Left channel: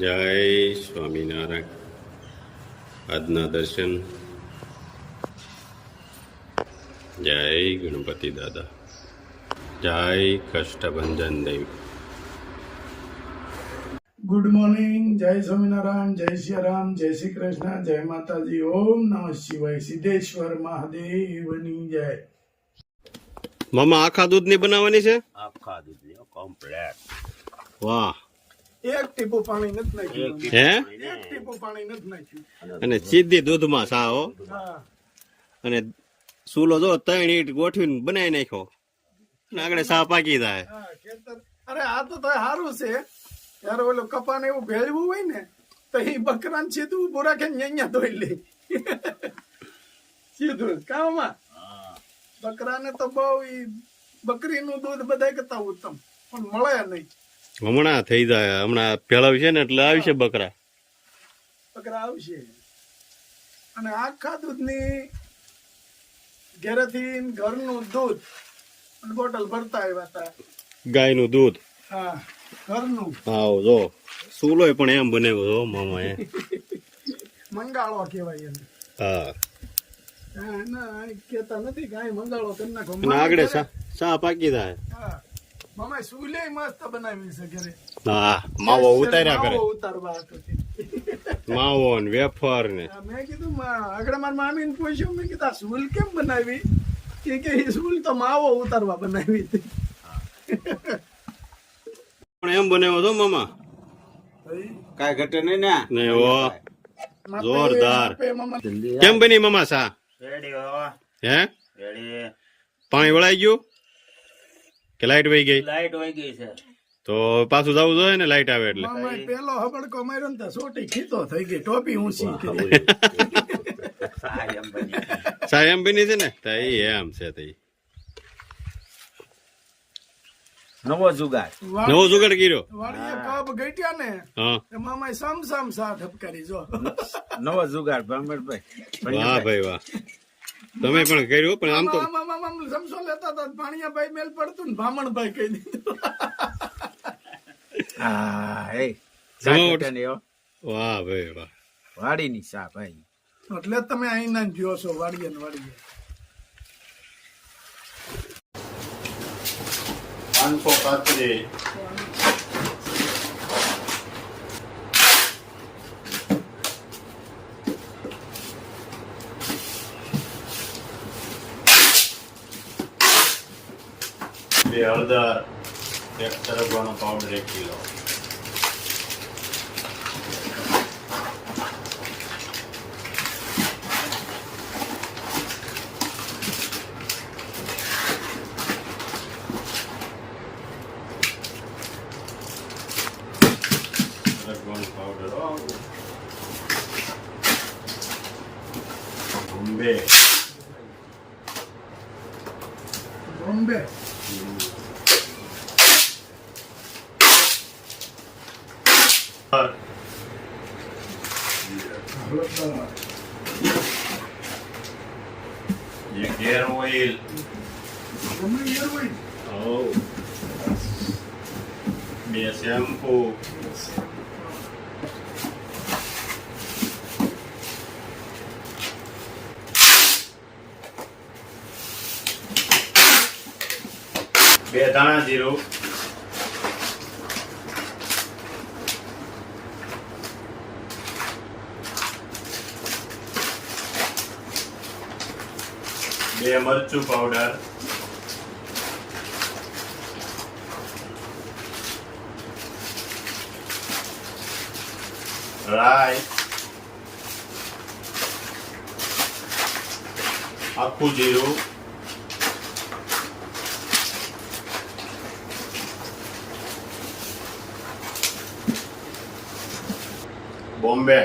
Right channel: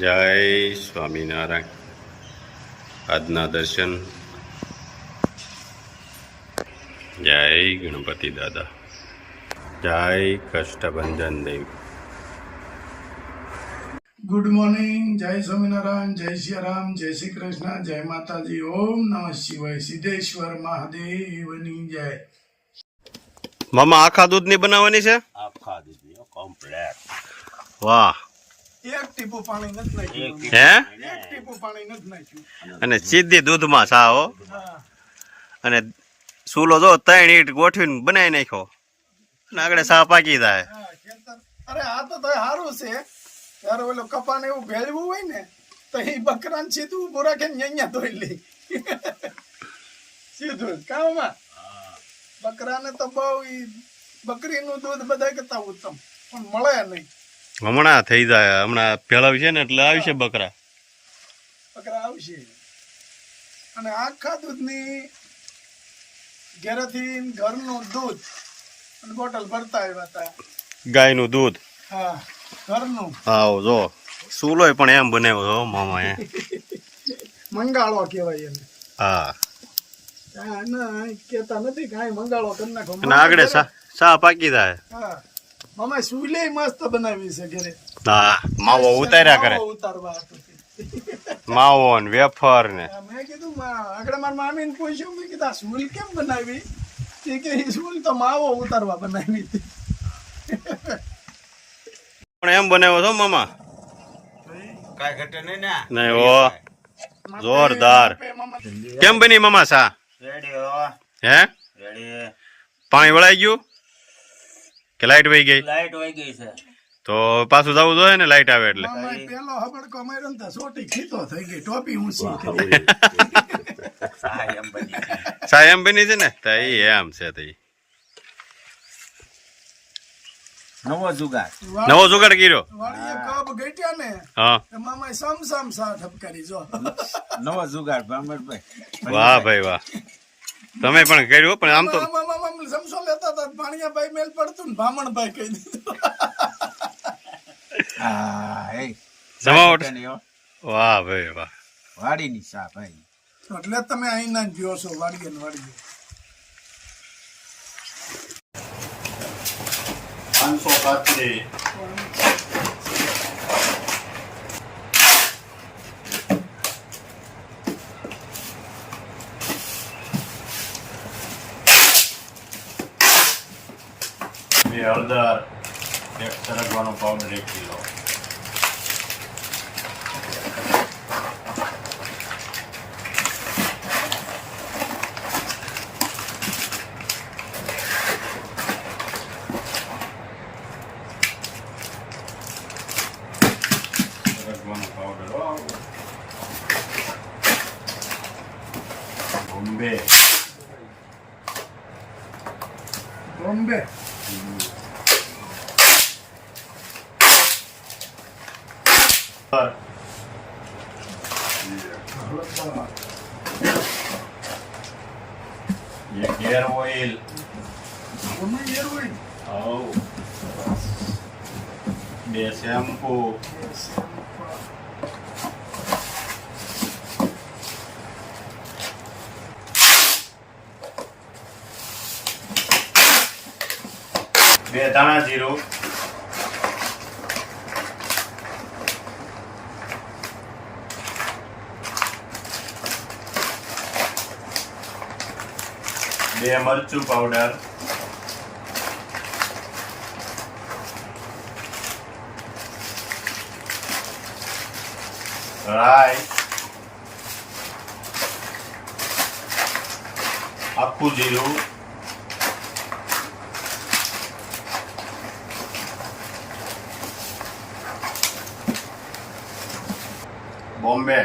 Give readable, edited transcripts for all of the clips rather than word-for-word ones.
જય સ્વામિનારાયણ. આજના દર્શન. જય ગણપતિ દાદા. જય કષ્ટભંજન દેવ. Good morning. જય સ્વામિનારાયણ, જય શ્રી રામ, જય શ્રી કૃષ્ણ, જય માતાજી. ઓમ નમઃ શિવાય. સિદ્ધેશ્વર મહાદેવની જય. મામા આખા દૂધની બનાવવાની છે? આખા દૂધની કમ્પ્લેટ. વાહ. એક ટીપું પાણી નથી નાખ્યું. હે? એક ટીપું પાણી નથી નાખ્યું. અને સીધી દૂધમાં સા હો. હા. અને ચૂલો જો 3 ઈંટ ગોઠવીને બનાવી નાખ્યો અને આગળ સા પાકી જાય. હા, ખેતર. અરે આ તો સારું છે. ત્યારે ઓલો કપાને એવું ભેળવું હોય ને તો એ બકરાને સીધું ઉભું રાખીને અહીંયા ધોઈ લે સીધું કામમાં. બકરાને તો બહુ બકરીનું દૂધ બધા કરતા ઉત્તમ, પણ મળે નહીં. હમણાં થઈ જાય, હમણાં ભેળવ છે ને એટલે આવશે બકરા. બકરા આવશે. અને આખા દૂધની ઘરેથી ઘરનું દૂધ અને બોટલ ભરતા આવ્યા હતા. ગાયનું દૂધ. હા, ઘરનું. આવો જો ચૂલોય પણ એમ બનાવ્યો છો મામા એ. મંગાળો કહેવાય એને. હા. હા, ના કહેતા નથી કાંઈ, મંગાળો કરી નાખો. અને આગળ સા પાકી જાય. હા, મામા સુલે મસ્ત બનાવી છે ઘરે. હા, માવો ઉતાર્યા કરે. માવો ઉતારવા હતું. માવો ને વેફર ને. મેં કીધું આગળ મારા મામીને પૂછ્યું, મેં કીધું આ સૂલ કેમ બનાવી? કે સૂલ તો માવો ઉતારવા બનાવી હતી. પણ એમ બનાવ્યો છો મામા? કાંઈ ઘટે નહીં ને. નહીં હો, જોરદાર. કેમ બની મામા સા? રેડી હો. હે? રેડી. પાણી વળાઈ ગયું કે લાઈટ વહી ગઈ? લાઈટ વહી ગઈ છે. તો પાછું જવું જોઈએ ને લાઈટ આવે એટલે. મામાએ પેલો હબડકો માર્યો ને તો સોટી ખીતો થઈ ગઈ, ટોપી ઊંચી કરી. સહાય એમ બની છે. સા એમ બની છે ને તો એમ છે તો નવો જુગાર. નવો જુગાડ કર્યો. વાડીએ કબ ગટ્યા ને હા. તો મામાએ સમ સા ઠપકારી જો. નવો જુગાર ભરમણભાઈ. વાહ ભાઈ વાહ. તમે પણ કર્યું પણ આમ તો મામા સમસો લેતા હતા, ભાણિયાભાઈ મેલ પડતું ને ભામણભાઈ કહી દીધું. હા, એ જમાવટ. ઘટે નહીં હો. વાહ ભાઈ વાહ. વાડીની સા ભાઈ. એટલે તમે અહીંના જ જોયો છો વાડીએ ને વાડીએ. 500 કાતરી. બે હળદર, એક સરગવાનો પાવડર 1 કિલો. સરગવાનો પાવડર બોમ્બે. બોમ્બે. એક હેર ઓઇલ. ગમે યાર હોય. Oh. 2 શેમ્પૂ. બે ધાણા જીરું. બે મરચું પાવડર. રાઈ. આખું જીરું. બોમ્બે.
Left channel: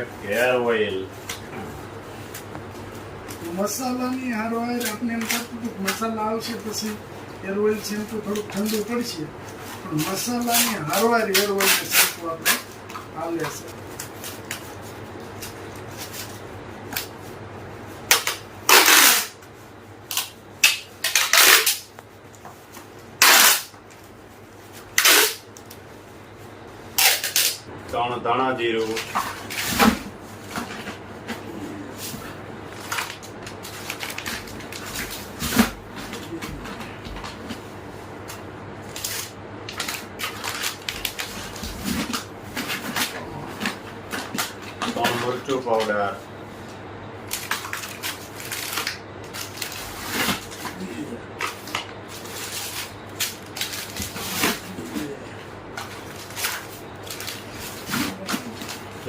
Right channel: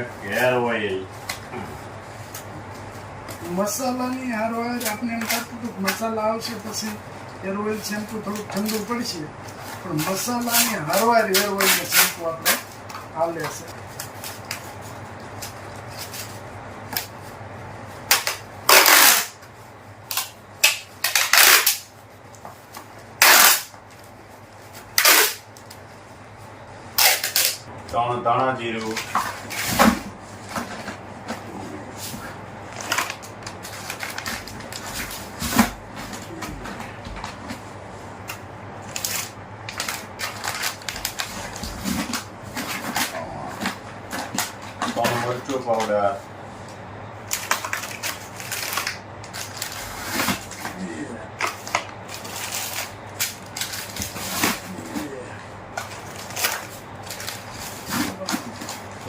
એક હેર ઓઇલ. મસાલાની હારવાર આપણે એમ થતું હતું મસાલા આવશે પછી હેર ઓઇલ શેમ્પુ થોડુંક ઠંડુ પડશે, પણ મસાલાની હારવાર હેર ઓઇલ ને શેમ્પુ આપણે હાલે છે. 3 ધાણા જીરું, મરચું પાવડર,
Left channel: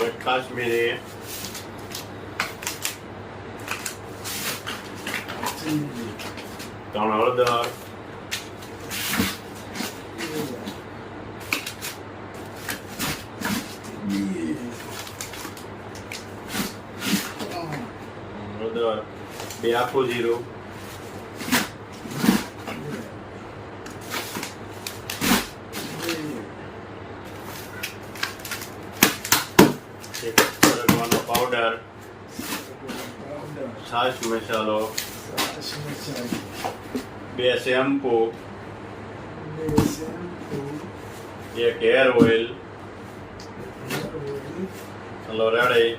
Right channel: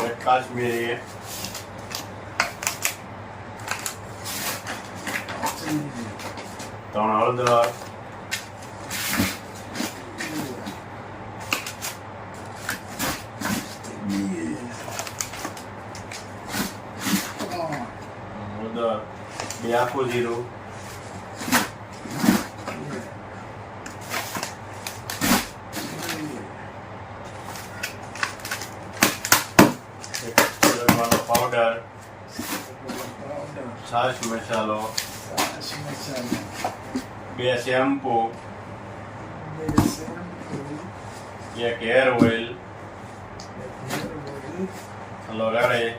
એક કાશ્મીરી, 3 હળદર, હળદર, 2 આખું જીરું, એક સરગવાનો પાવડર, છાશ મસાલો, 2 shampoo, 1 hair oil. Hello ready.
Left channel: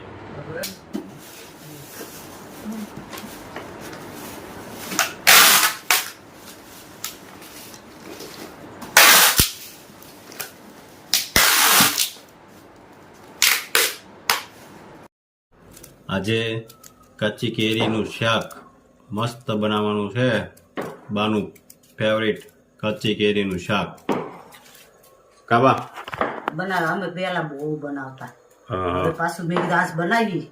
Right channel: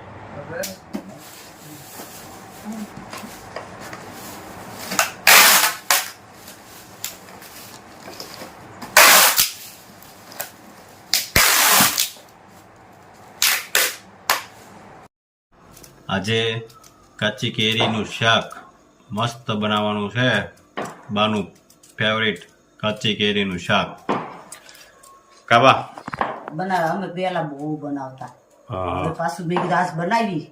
આજે કાચી કેરીનું શાક મસ્ત બનાવવાનું છે. બાનું ફેવરિટ કાચી કેરીનું શાક. કાબા બનાવે અમે પેલા બહુ બનાવતા. હા હવે પાછું મેં કીધું આજ બનાવી.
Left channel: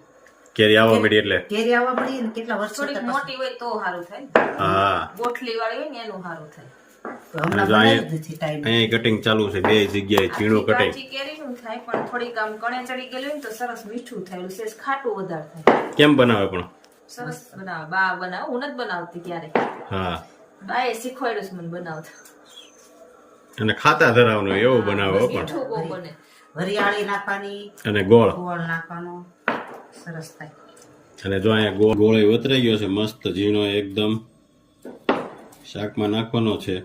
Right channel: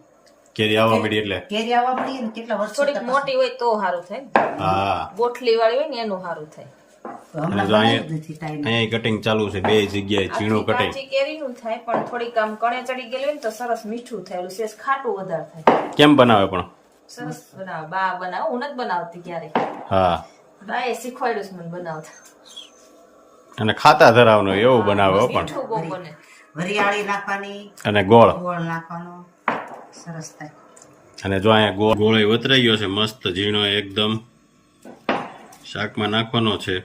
કેરી આવવા મળી એટલે કેરી આવવા મળી ને કેટલા વર્ષો થોડીક થયા મોટી હોય તો સારું થાય, હા. ગોઠલી વાળી હોય ને એનું સારું થાય. હમણાં અને જો બનાવી જ નથી ટાઈમ. અહીંયા કટિંગ ચાલુ છે, 2 જગ્યાએ ઝીણું કટિંગ. કાચી કેરીનું થાય પણ થોડીક આમ કણે ચડી ગયેલું હોય ને તો સરસ મીઠું થાય, ઓલું સેજ ખાટું વધારે થાય. કેમ બનાવે પણ? સરસ બનાવે, બા બનાવે, હું નથી બનાવતી ક્યારે, હા. બાએ શીખવાડ્યું છે મને બનાવતા. અને ખાતા ધરાવનો એવું બનાવે હો પણ. મીઠું બહુ બને. વરિયાળી નાખવાની, અને ગોળ. ગોળ નાખવાનો, સરસ થાય. અને જો અહીંયા ગોળ વતરાઈ ગયો છે મસ્ત ઝીણો એકદમ. શાકમાં નાખવાનો છે.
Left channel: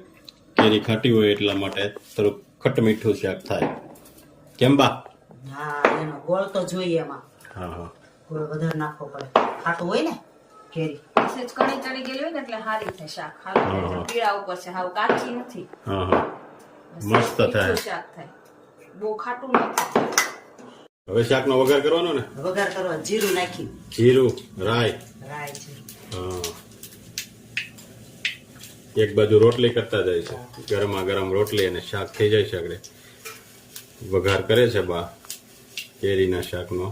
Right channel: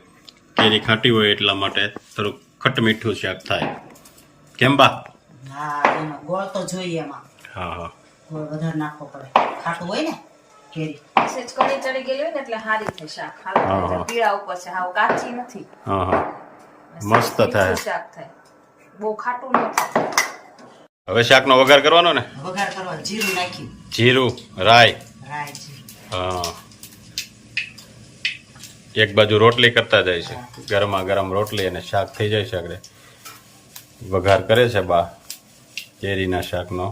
કેરી ખાટી હોય એટલા માટે થોડુંક ખટ મીઠું શાક થાય. કેમ બા? હા એનો ગોળ તો જોઈએ એમાં. હા હા. ગોળ વધારે નાખવો પડે, ખાટું હોય ને કેરી. સેજ કણે ચડી ગયેલી હોય ને એટલે સારી થાય શાક. હા, હારું હા. પીળા ઉપર છે, હાવ કાચી નથી. હા હા. મસ્ત મીઠું થાય. શાક થાય, બહુ ખાટું ન થાય. હવે શાકનો વઘાર કરવાનો ને? વઘાર કરવા જીરું નાખી, જીરું, રાઈ. રાઈ જીરું. હા. એક બાજુ રોટલી કરતા જાય છે, ગરમા ગરમ રોટલી અને શાક થઈ જાય છે. આગળ વઘાર કરે છે બા કેરીના શાકનો.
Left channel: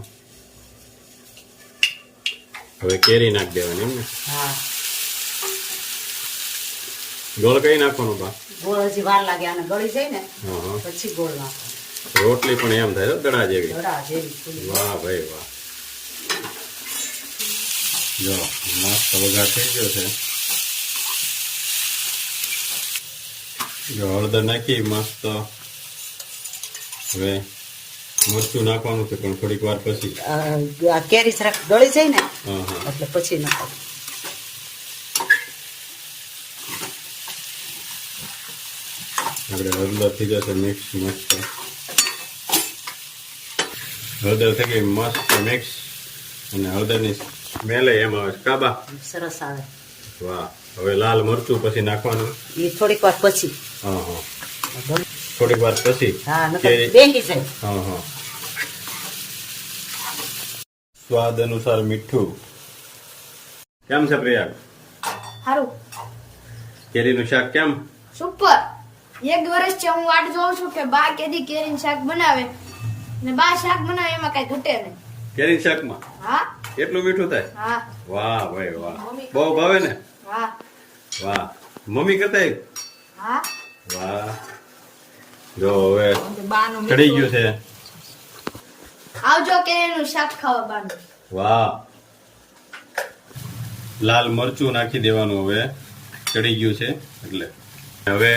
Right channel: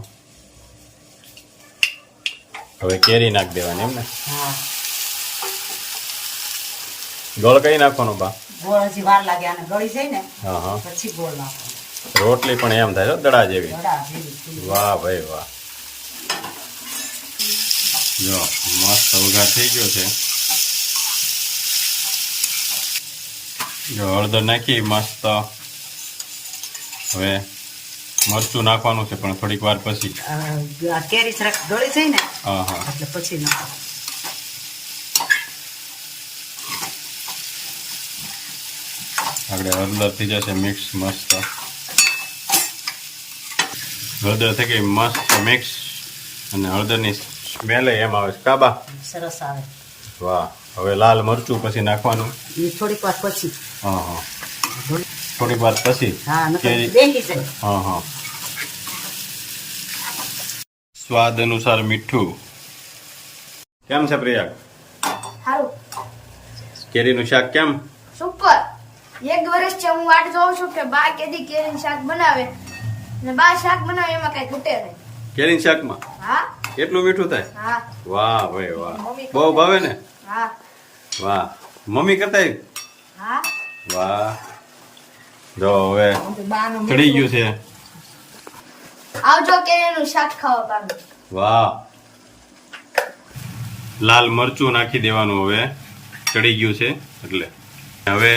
હવે કેરી નાખી દેવાની એમ ને? હા ગોળ કઈ નાખવાનું બા? ગોળ હજી વાર લાગે, આને ગળી જાય ને હા હા. પછી ગોળ નાખવાનો. રોટલી પણ એમ થાય છે દડા જેવી. દડા જેવી થઈ. વાહ ભાઈ વાહ. જો મસ્ત વઘાર થઈ ગયો છે. જો હળદર નાખી મસ્ત. હવે મરચું નાખવાનું છે પણ થોડીક વાર પછી. આ કેરી જરાક ગળી જાય ને હા હા. એટલે પછી નાખો. આગળ હળદર થઈ જશે મિક્સ મસ્ત. હળદર થઈ ગઈ મસ્ત મિક્સ. અને હળદરની સ્મેલ એમ આવે છે. કાબા સરસ આવે. વાહ. હવે લાલ મરચું પછી નાખવાનું. એ થોડીક વાર પછી. હા હા. થોડીક વાર પછી. હા નકર કેરી. બેંગી જાય. હા હા. સ્વાદ અનુસાર મીઠું. કેમ છે પ્રિયા? હારું કેરીનું શાક કેમ? સુપર. એક વર્ષથી હું વાટ જોઉં છું કે બા કેદી કેરીનું શાક બનાવે ને બા શાક બનાવે એમાં કઈ ઘૂટે નહીં. કેરીનું શાકમાં હા એટલું મીઠું થાય? હા વાહ ભાઈ વાહ. બહુ ભાવે ને? હા વાહ. મમ્મી કરતા હા વાહ. જો હવે બાનું ચડી ગયું છે. આવજો કેરીનું શાક ખાવા બાનું. વાહ. લાલ મરચું નાખી દેવાનું. હવે ચડી ગયું છે એટલે હવે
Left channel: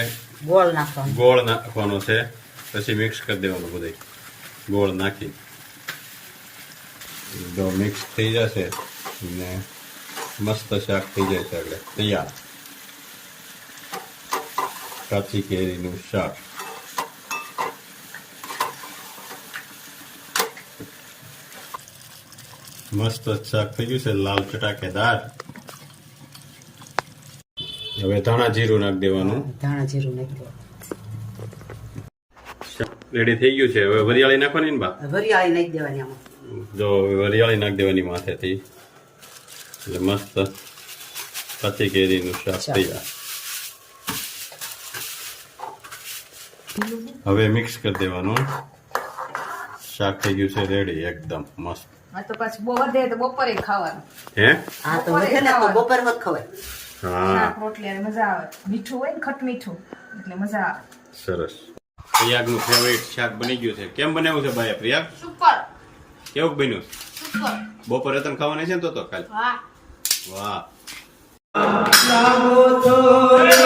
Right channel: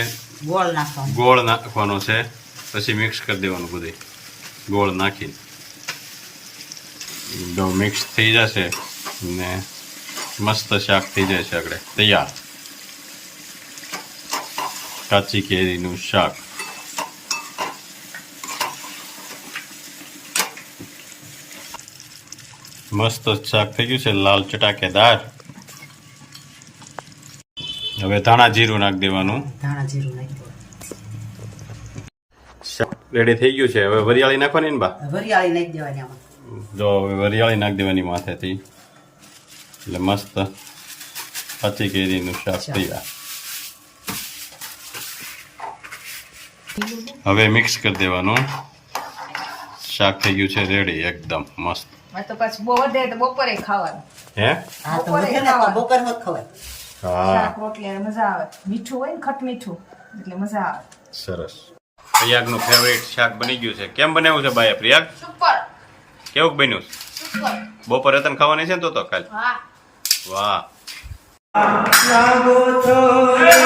ગોળ નાખવાનો. ગોળ નાખવાનો છે. પછી મિક્સ કરી દેવાનું બધું ગોળ નાખી. જો મિક્સ થઈ જશે ને મસ્ત શાક થઈ જાય છે. આગળ તૈયાર કાચી કેરીનું શાક. મસ્ત શાક થઈ ગયું છે લાલ ચટાકેદાર. હવે ધાણા જીરું નાખી દેવાનું. ધાણા જીરું નાખી દો. શાક રેડી થઈ ગયું છે. હવે વરિયાળી નાખવાની ને બા? વરિયાળી નાખી દેવાની આમાં. જો હવે વરિયાળી નાખી દેવાની માથેથી એટલે મસ્ત કાચી કેરીનું શાક તૈયાર. હવે મિક્સ કરી દેવાનું. શાક થઈ ગયું છે રેડી એકદમ મસ્ત. આ તો પાછું બહુ વધે તો બપોરે ખાવાનું. હે આ તો વધે ને તો બપોર મત ખવાય. હા શાક રોટલી અને મજા આવે. મીઠું હોય ને ખટ મીઠું એટલે મજા આવે. સરસ. પ્રયાગનું ફેવરેટ શાક બની ગયું છે. કેમ બનાવ્યું છે બાએ પ્રયાગ? સુપર કેવું બન્યું? સુપર બપોરે તને ખાવાની છે ને તો કાલ? હા વાહ. લાગો છોડે